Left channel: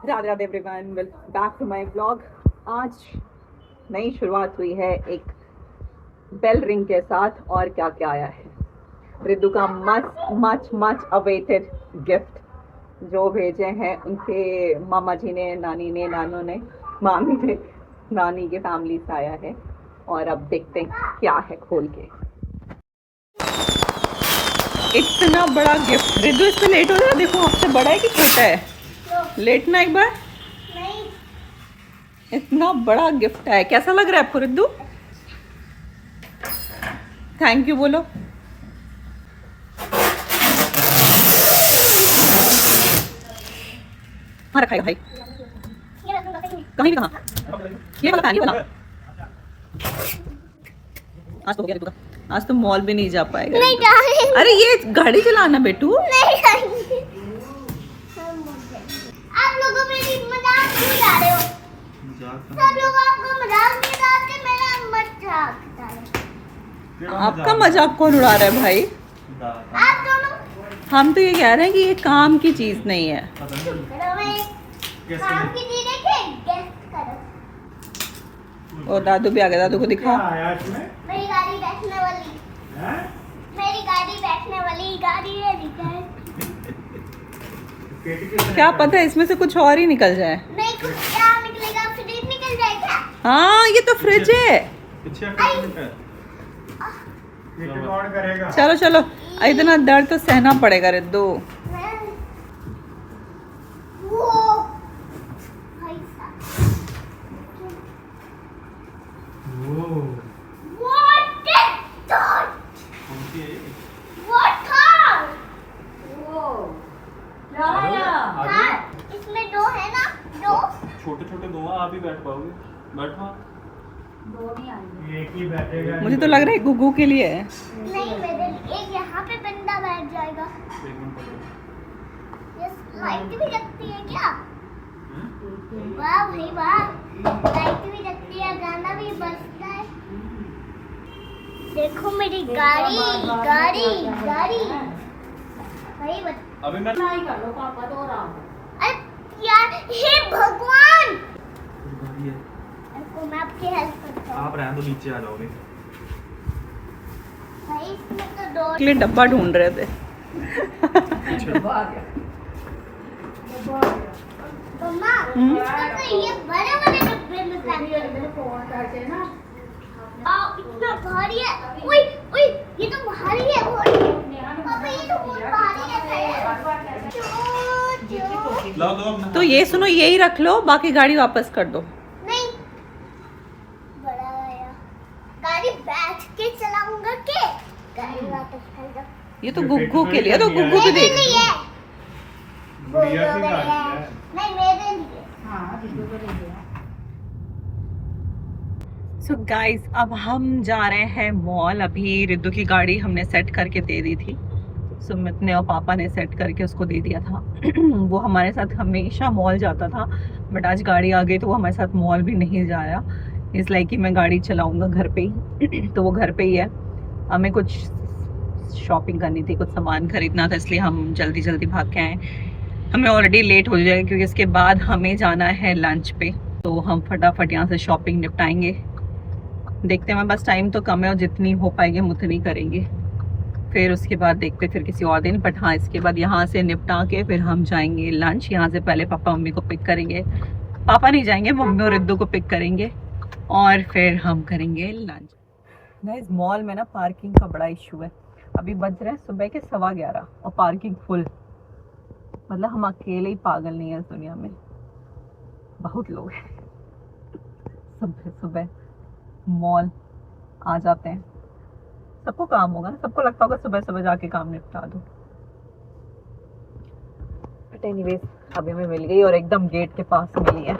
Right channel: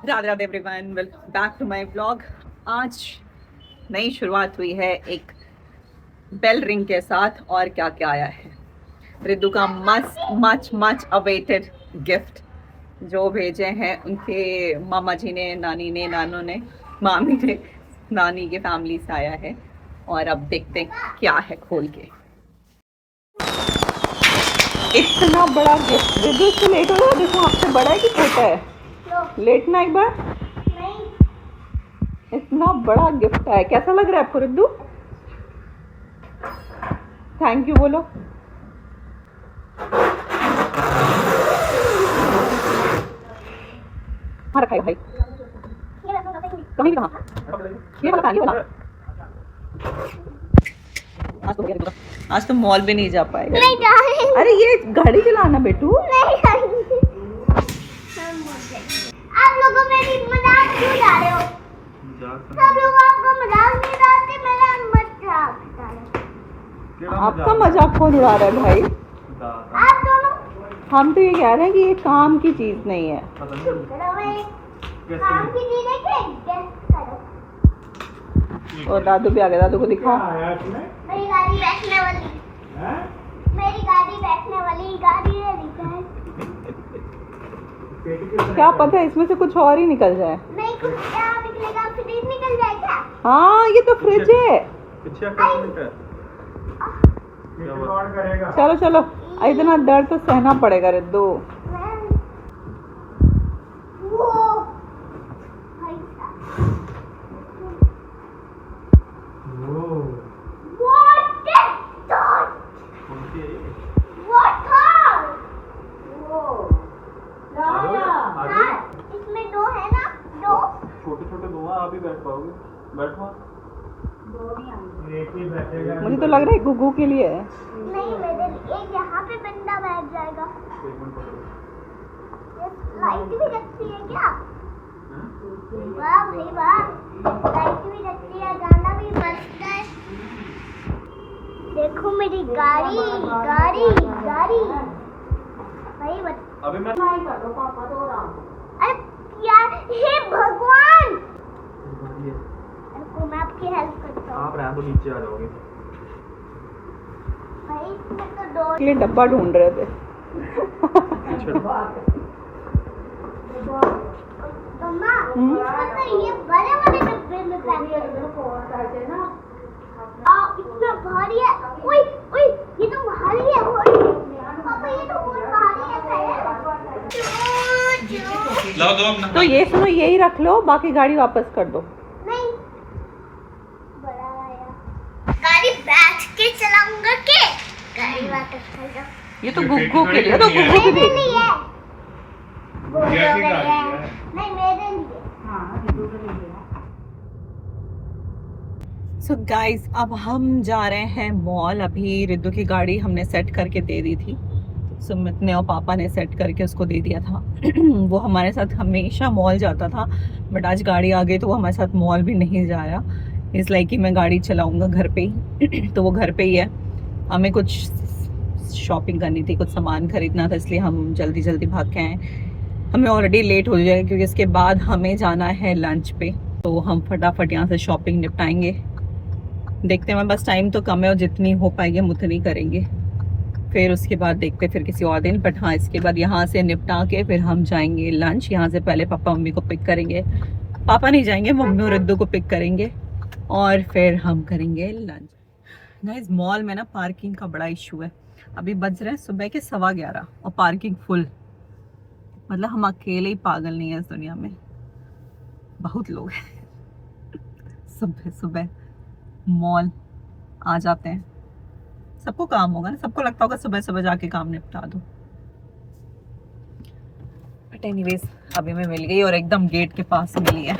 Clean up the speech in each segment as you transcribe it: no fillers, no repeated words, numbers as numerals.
Radhe Radhe everyone, welcome back to my blog. आज नई शुरुआत हुई है एक बेल रिंग के साथ। और क्या क्या आया है, रिद्धू का मस्त मच मच अवेटेड गिफ्ट जो भेजे हैं उनके मामा जी ने, नानी ने, नानू ने, मामी ने, नानी के फैमिली से आया है। और अब देखते हैं क्या है खोल के। इतना बड़ा गिफ्ट। रिद्धू इसमें लेट हो रहा है, देखो आपसे बड़ा है कि छोटा है। लेटना एक बार। इतना बड़ा गिफ्ट है, कैसा लग रहा है आपको रिद्धू? थैंक यू बोलो। हाँ रखा है भाई, कहीं भी कहाँ। ये वाला फैन, ये वाला। आज तो हो गया रिद्धू का। आज तो मॉल भी नहीं जा पाएगा। नहीं, अरे ये गाड़ी चलाना बेटू। आप लोगों मेरी मजाक क्यों उड़ा रहे हो? सब लोग आपका मजाक नहीं उड़ाते, मेरा मजाक उड़ा रहे हो। आपका मजाक कौन उड़ा रहा है भाई? आप दोनों। हम तो ये कह रहे हैं कि ये काम की चीज नहीं है। काम की चीज है कि गेस करो। और दादू भी आ गया, दादू को दिखाओ। मेरी गाड़ी बैठने वाली। मेरी गाड़ी बैठने वाली गाड़ी है निकल। क्या पता है इसमें से कुछ और ही निकल जाए। नहीं, कुछ क्या निकलेगा? फ्रिज निकल जाए क्या? हाँ ये तो फ्रिज है। कौन करेगा? चलो चलो, इतना दर्द तो सहना पड़ेगा रिद्धू। वो भाई साहब। What is that? What था? हाँ, इसमें दो है ना? दो। छोटे छोटे दो हैं, आप ही बैठ पाओगे। बैठो आप। एक ही बैठेगा। मुझे तो लग रहा है गुग्गू के लिए है। नहीं, मेरे लिए एक यहाँ पे बंदा बैठ जाएगा। एक मिनट पकड़ो। ये लाइट भी लगती है क्या? हैं? वाह भाई वाह, लाइट भी लगती है, गाना भी बजता है। देखो मेरी गाड़ी गाड़ी गाड़ी भाई अभी मैं अरे यार, हे भगवान, गाड़ी है। रुको मैं आपकी हेल्प करता हूँ। आप रहने दो, नीचे आ जाओगे। भाई इसमें तो दो। के लिए डब्बा ढूंढ रहे थे। मम्मा, इसमें तो ये बड़े बड़े डब्बे में पैक कर दो। इतना भारी है। ओए ओए, ये तो भारी है बहुत। पापा ये तो बहुत भारी है। लाओ दो अपना। तो ये सुनो, यही रख लो, बाकी गाड़ी वापस कर दो। नहीं, बड़ा आया। गाड़ी बैठ के चलाऊंगा के गाड़ी वापस कर दो। ये तो गुग्गू के लिए, तो गुग्गू की मेरे देख। लिए। गुड़िया की गाड़ी है। नहीं, मेरे लिए। सो गाइस, अब हम जा रहे हैं मॉल। अभी रिद्धू की गाड़ी हमने सेट करके दे दी थी, सुमित ने और पापा ने सेट करके उसको दे दिया था। वो हमारे साथ हमेशा मॉल जाता था, बट आज गाड़ी आ गई तो वो हमारे साथ मॉल भी नहीं जाया। इस लाइक कि मैं गाड़ी चलाऊंगा घर पे ही। तो वो घर पे ही है। हमें कुछ शॉपिंग करनी थी, कुछ सामान खरीदना था, इसलिए हम जल्दी जल्दी भाग के आए। हमें ऑलरेडी लेट हो जाएगा क्योंकि इसके बाद हमें जाना है लंच पे, तो हम फटाफट यहाँ से शॉपिंग निपटाएंगे। देखते हैं, बस टाइम तो कम है और जितनी हो पाएगी हम उतनी करेंगे। फिर उसके बाद देखते फिर किसी और दिन। बट हाँ, इसके बाद यहाँ से निपटा के फिर हम जाएंगे लंच। यहाँ से पहले पापा मम्मी को पिक करेंगे। पापा नहीं जाएंगे, मम्मी और रिद्धू को पिक करेंगे और फिर हम करेंगे लंच। गाइस, मॉल में ना पार्किंग का बड़ा इशू है। अभी बज रहे हैं सुबह के 11:15 और पार्किंग फुल। मतलब हम अकेले ही पागल नहीं है इस दुनिया में, बहुत लोग हैं। सुबह सुबह मॉल आ जाते हैं। सबको काम होगा ना, सबको लगता होगा सुबह सुबह जाके काम निपटा दो। बट एनीवेज, अभी मैं मिल गई और एकदम गेट के पास मिली है।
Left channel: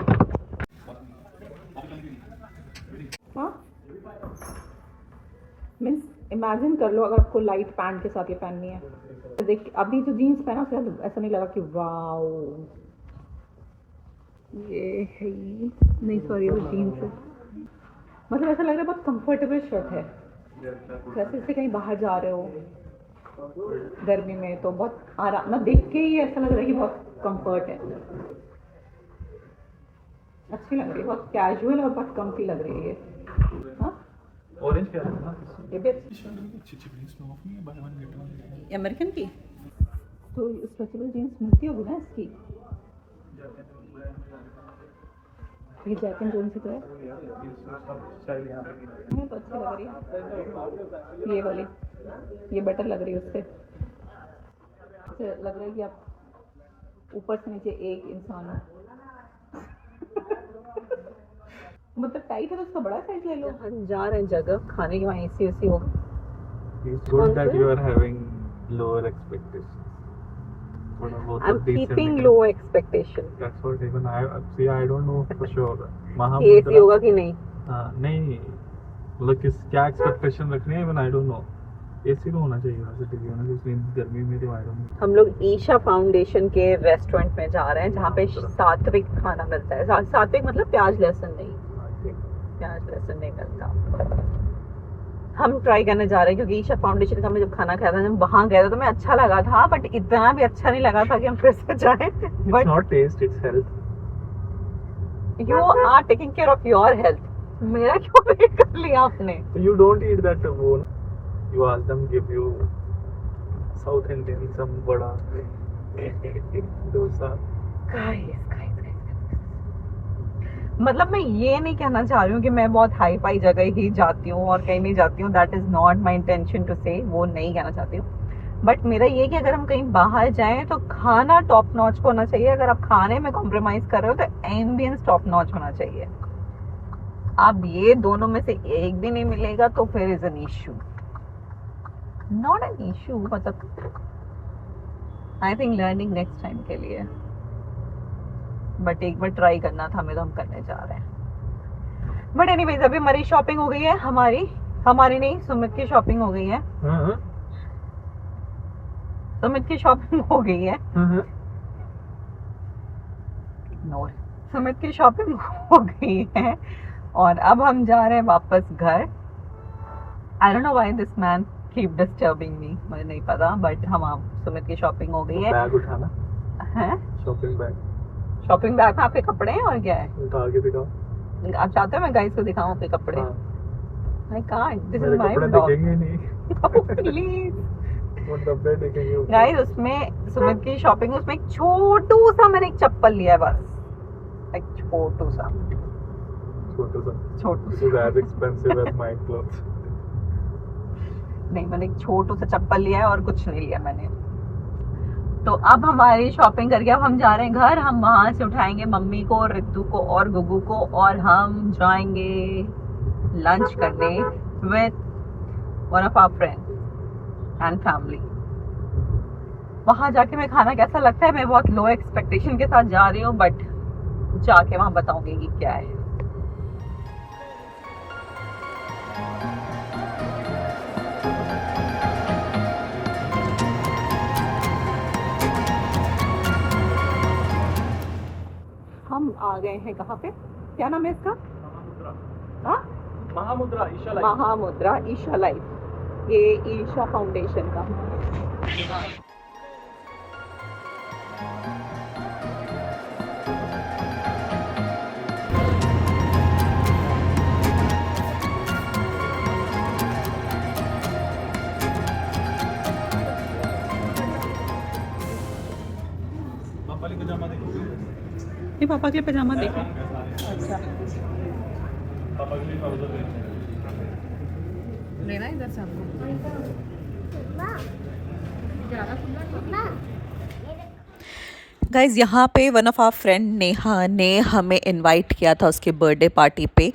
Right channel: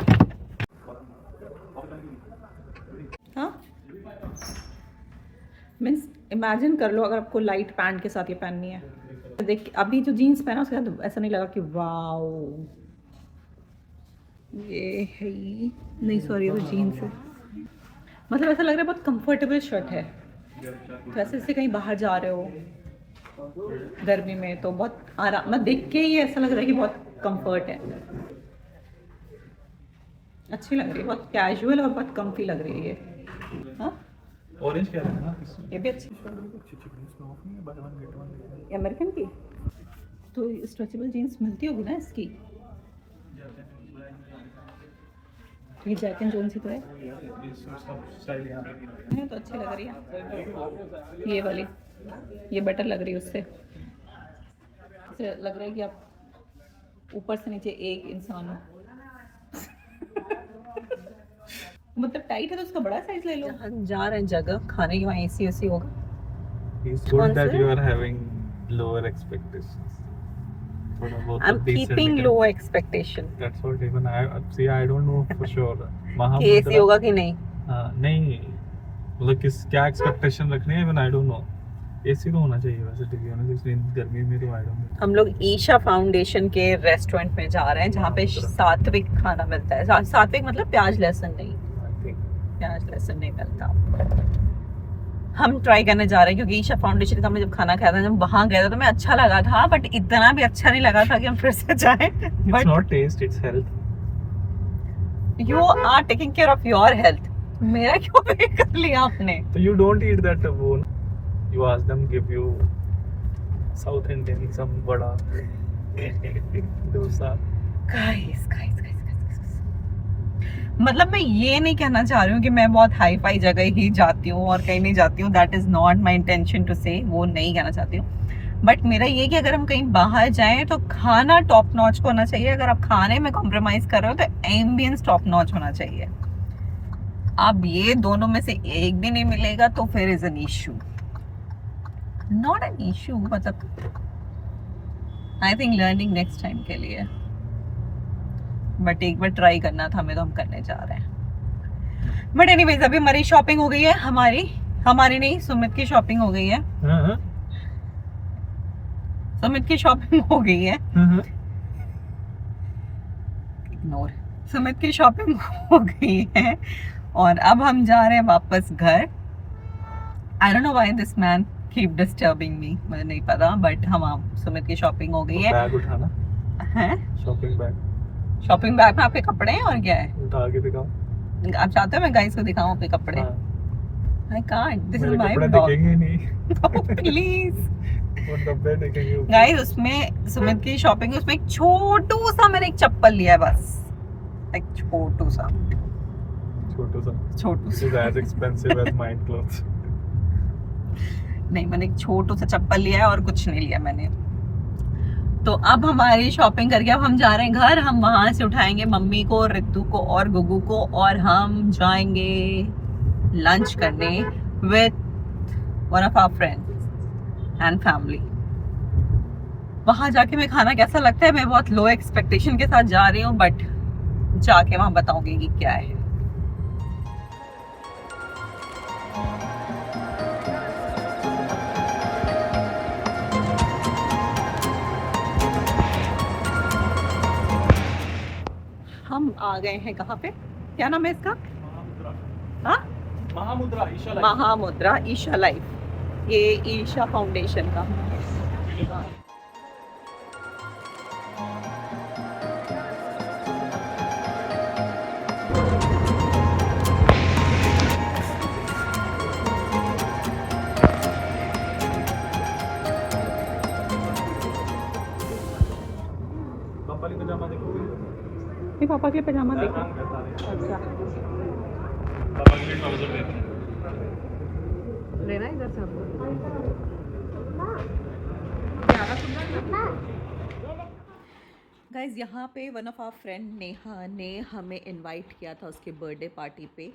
हाँ, मीन्स इमेजिन कर लो अगर आपको लाइट पैंट के साथ ये पहननी है। देख, अभी जो जीन्स पहना उसके साथ ऐसा नहीं लगा कि वाओ ये है ही नहीं, सॉरी वो जीन्स है। मतलब ऐसा लग रहा है बहुत कंफर्टेबल शर्ट है। तो ऐसे से कहीं बाहर जा रहे हो गर्मी में तो बहुत आराम, मैं देख के ही ऐसा लग रहा है कि बहुत कंफर्ट है। अच्छी लग रही है, बहुत कैजुअल और बहुत कंफी लग रही है। हाँ ऑरेंज क्या है ना ये भी अच्छी अच्छी इसमें ऑफ नहीं है, by one get one. American की। तो स्ट्रेचेबल जीन्स मिलती होगी ना इसकी। ये जैक एंड जोन्स ही तो है। ये सब स्टाइल यहां पे ये तो अच्छी लग रही है ये वाली, ये बेटर लग रही है उससे। इससे लग रहा है कि आप ऊपर से नीचे एक इंसान हो। मतलब टाइट है तो उसका बड़ा साइज ले लो। हम जा रहे हैं जगह खाने की, वहाँ एसी एसी होगा। It's कौन good that से? you are having lower expectations. थोड़ा बहुत I'm तो decent keeping निकल- low expectation That's what even I see. I don't know for sure. कि एसी महामुद्रा होगा कि नहीं। हाँ नहीं मतलब किस क्या एक्सपेक्टेशन रखनी है, even I don't know. AC तो होना चाहिए वैसे to be honest, इस गर्मी में तो I don't know. हम लोग ईशा फाउंडेशन के रेस्टोरेंट में जा रहे हैं जहाँ पे सात्विक खाना मिलता है। सात्विक मतलब प्याज लहसुन नहीं, I think. प्याज लहसुन नहीं मिलता। हम ट्राई करने जा रहे हैं क्योंकि ईशा फाउंडेशन का हमने जब खाना खाया था, जब वहाँ गया था तो मैं अच्छा लगा था, बट इतना भी अच्छा नहीं लगा था कि हम फिर से जाएं। It's but not taste, it's health. You are taking care of your health, मेरा क्यों नहीं कर लिया आपने। So you don't eat that bone. You ask them give you South Indian some vada, dosa. Guys मतलब मैं ये नहीं कहना चाह रही हूँ कि मैं बहुत हाई फाई जगह ही जाती हूँ और कहीं नहीं जाती हूँ। That is not my intention to say, वो नहीं कहना चाहती हूँ। बट मेरा ये कि अगर हम कहीं बाहर जाएं तो खाना टॉप नॉच होना चाहिए। अगर आप खाने में कॉम्प्रोमाइज़ कर रहे हो तो एम्बियंस टॉप नॉच होना चाहिए। अब ये दोनों में से एक भी नहीं मिलेगा तो फिर is an issue, not an issue. मतलब I think learning next time के लिए, बट एक बार ट्राई करना था हमें, तो हम करने जा रहे हैं। बट एनीवेज अभी हमारी शॉपिंग हो गई है, हमारी नहीं सुमित की शॉपिंग हो गई है। हाँ सुमित की शॉपिंग हो गई है। हाँ इग्नोर। सुमित की शॉपिंग हो गई है और अब हम जा रहे हैं वापस घर। I don't know why this man keep disturbing me, मुझे नहीं पता, बट हम सुमित की शॉपिंग हो गई है। बैग उठाना, हैं शॉपिंग बैग शॉपिंग बैग में आपके कपड़े हैं और क्या है? उठा के दिखाओ। आप चाहते हो मैं गाइस को दिखाऊं अपने कपड़े? हाँ, आई कांट, दिस मेरे इज माय कपड़े ब्लॉग। दिखेंगे नहीं। प्लीज वो डब्बे दिखेंगे ऊपर। गाइस, उसमें सुमित की शॉपिंग, उसमें एक छोटू सा मैंने एक चप्पल लिया है बस, एक छोटू सा This is as expensive as my clothes. नहीं, मैंने एक छोटू सा चप्पल लिया है और कुछ नहीं लिया मैंने। तो अब हमारी शॉपिंग करके अब हम जा रहे हैं घर। हम वहां से उठाएंगे मम्मी को, रितु को और गुगू को और हम जाएंगे लंच करने with one of our friends and family. वहां जाके मैं खाना कैसा लगता है, मैं बहुत लो एक्सपेक्टेशन के साथ जा रही हूँ, बट जाके वहां बताऊंगी कि क्या है। हम आ गए हैं कहाँ पे, क्या नाम है इसका? हाँ, महामुद्रा ईशा लाइफ। महामुद्रा ईशा लाइफ, ये ईशा फाउंडेशन का। पापा के पजामा देखोगे? ये पापा के पजामा देखो। पापा के लिए ट्राउजर देखो। लेना इधर से गाइज। यहाँ पे one of our friend Neha ने हमें इनवाइट किया था उसके बर्थडे पार्टी पे।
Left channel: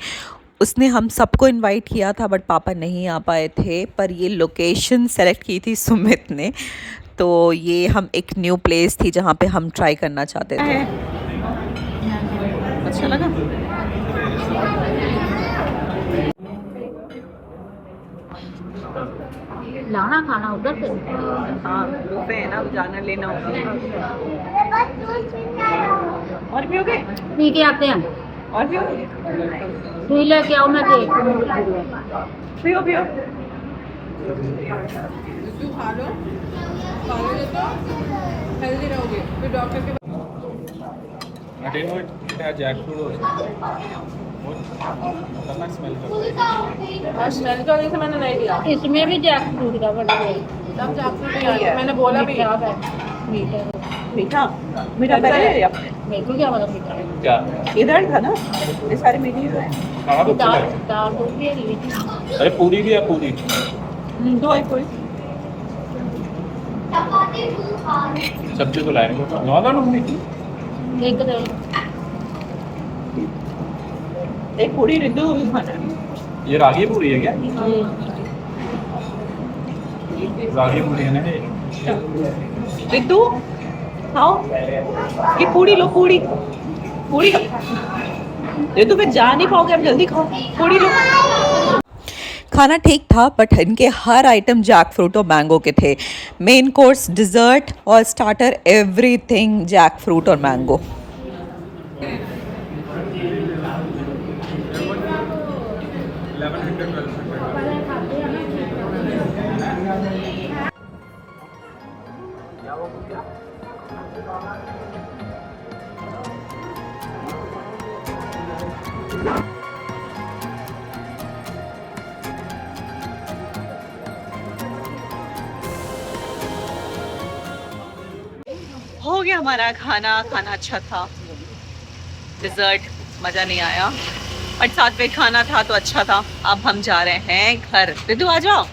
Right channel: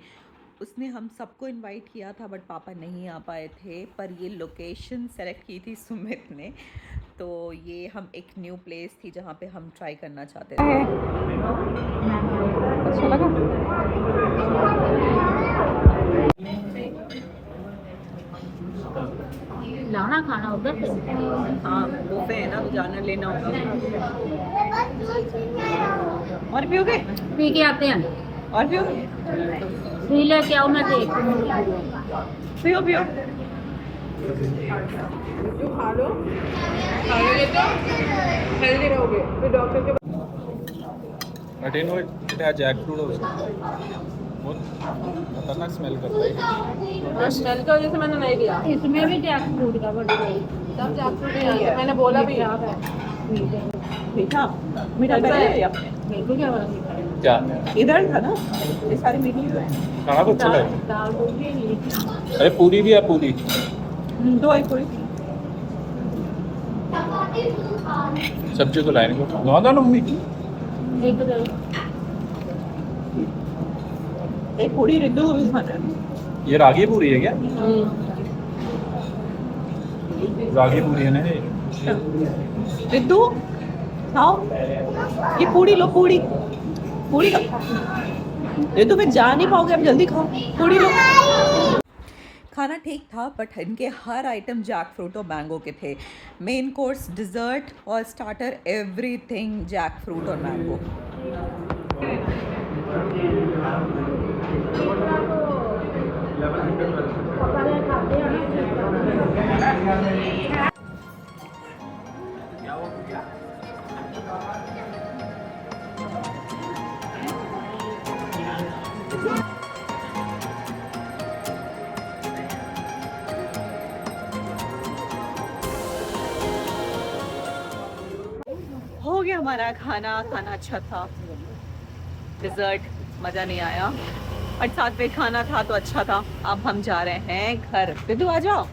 उसने हम सबको इनवाइट किया था बट पापा नहीं आ पाए थे, पर ये लोकेशन सेलेक्ट की थी सुमित ने। तो ये हम एक न्यू प्लेस थी जहाँ पे हम ट्राई करना चाहते थे। अच्छा लगा? लाना खाना उधर से। हाँ, बुफे है ना, जाना लेना होगा। और भी हो गए? पी के आते हैं, और भी हो गए? पी लेके आओ, मैं देख पियो पियो। खा लोगे तो हेल्दी रहोगे, फिर डॉक्टर के I didn't know it had jackfruit also. खतरनाक स्मेल करता है। स्मेल की वजह से मैंने नहीं लिया। इसमें भी जैक फ्रूट का बट तब जैकफ्रूट नहीं आया, मैंने बोला भी मीठा मीठा मीठा पहले है या मेरे को क्या पता मीठा है। क्या इधर था ना, ये सारे मीठे ही तो हैं। खाना तो अच्छा दाल है। दाल तो भी मीठी। अरे पूरी भी है पूरी। दो है कोई सब्जी तो लाएंगे ना ना मम्मी। एक दे एक पूरी रिद्धू को भी खाना है। ये रागी पूरी है क्या? रागी पूरी है ना ये? रिद्धू खाओ, ये पूरी लो, पूरी पूरी रिद्धू फिर जा नहीं पाओगे, अब जल्दी खाओ, पूरी लो। खाना ठीक था बट इनके हर आइटम जैक फ्रूट और मैंगो के थे। मेन कोर्स, डिज़र्ट और स्टार्टर, एवरीथिंग जैक फ्रूट और मैंगो। हो गया हमारा खाना अच्छा था। डिज़र्ट मज़ा नहीं आया बट साथ में खाना था तो अच्छा था। अब हम जा रहे हैं घर। रिद्धू आ जाओ,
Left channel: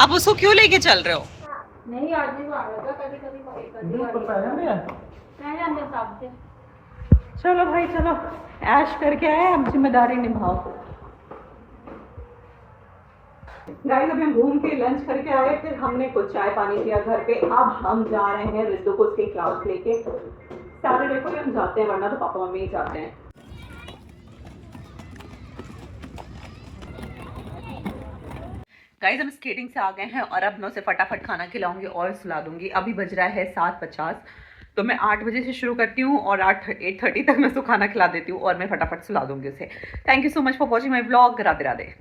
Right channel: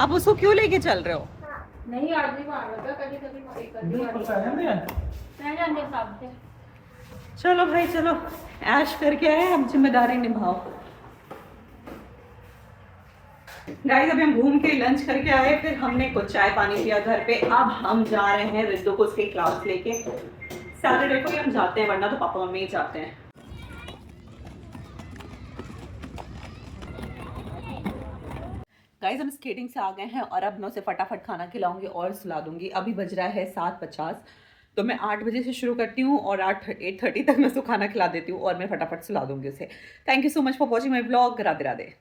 आप उसको क्यों लेके चल रहे हो? नहीं आज भी आ रहा था, कभी मैं साहब से चलो भाई चलो, ऐश करके आए, अब जिम्मेदारी निभाओ। गाइस अभी हम घूम के लंच करके आए, फिर हमने कुछ चाय पानी पिया घर पे। अब हम जा रहे हैं रिद्धू को उसके क्लास लेके। सैटरडे को ही हम जाते हैं, वरना तो पापा मम्मी ही जाते हैं। गाइस हम स्केटिंग से आ गए हैं और अब मैं उसे फटाफट खाना खिलाऊंगी और सुला दूंगी। अभी बज रहा है 7:50, तो मैं 8 बजे से शुरू करती हूँ और 8:30 तक मैं उसको खाना खिला देती हूँ और मैं फटाफट सुला दूंगी उसे। Thank you so much for watching my vlog. Radhe Radhe.